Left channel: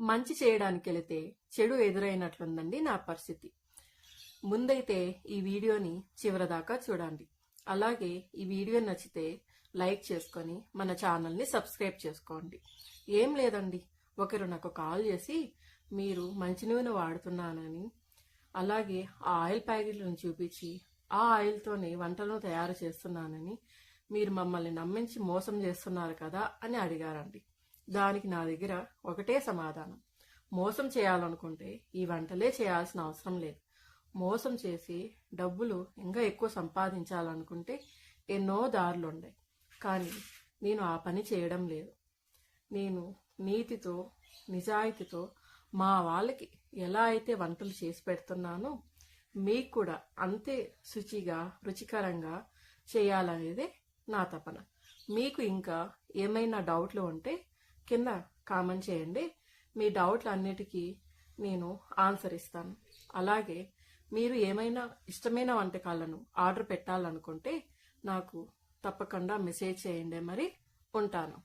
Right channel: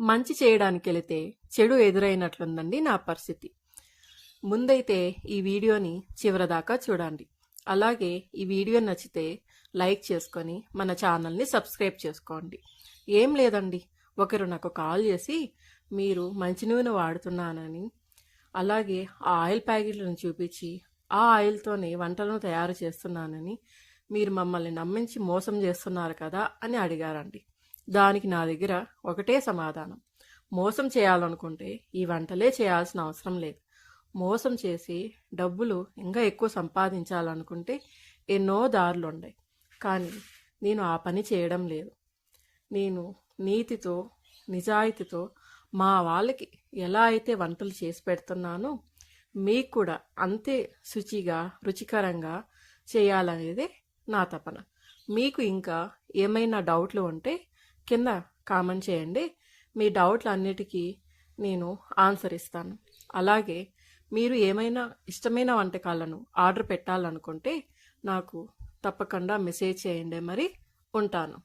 మంచి చేయడానికి వెళితే చెడు ఎదురైనట్లుందండి నా పరిస్థితి. ముందైతే ఈ వీడియోని చివరిదాకా చూడండి. అలాగే ఈ వీడియో నచ్చితే లైక్ చేసుకొని మన ఛానల్ని సబ్స్క్రైబ్ చేసుకోండి. ఏం లేదండి, ఒకరు నాకు కాల్ చేసి మీరు మంచి నూనె వాడుతున్నానని, అలాగే ఆ ఆయిల్ ప్యాకెట్లను చూపించి ఆ ఆయిల్తోనే వంటలను తయారు చేస్తున్నానని, మీరు మమ్మల్ని నమ్మించి మోసం చేస్తున్నారు కదా అని అడిగారండి. దానికి నా దగ్గర ఒకటే సమాధానం: మోసం చేయాలనుకుంటే ఈ వంటలే చేయాల్సిన అవసరం లేదు. మోసం చేసి డబ్బులు ఇంకా ఎక్కువ సంపాదించాలనుకుంటే ఎన్నో దారులు ఉన్నాయి. కానీ నేను ఆ పని చేయడం లేదు. నేను నీతితో, నిజాయితీతో మా వాళ్ళకి ఎలా అయితే వంటలు చేసి పెడుతున్నానో మీకు కూడా అంతే శుచిగా, రుచికరంగా చేయాలనేదే నా తపన. మీకు ఇంకా ఏమైనా డౌట్లు ఉంటే కింద కామెంట్ చేయండి. మీ డౌట్లు అన్నిటికీ నేను ఆన్సర్ ఇస్తాను. అలాగే మీరు ఏమైనా ఇష్టమైన వంటకాలను ఆర్డర్ పెట్టాలనుకుంటే నాకు తప్పకుండా మెసేజ్ చేయండి. మరి ఉంటాను.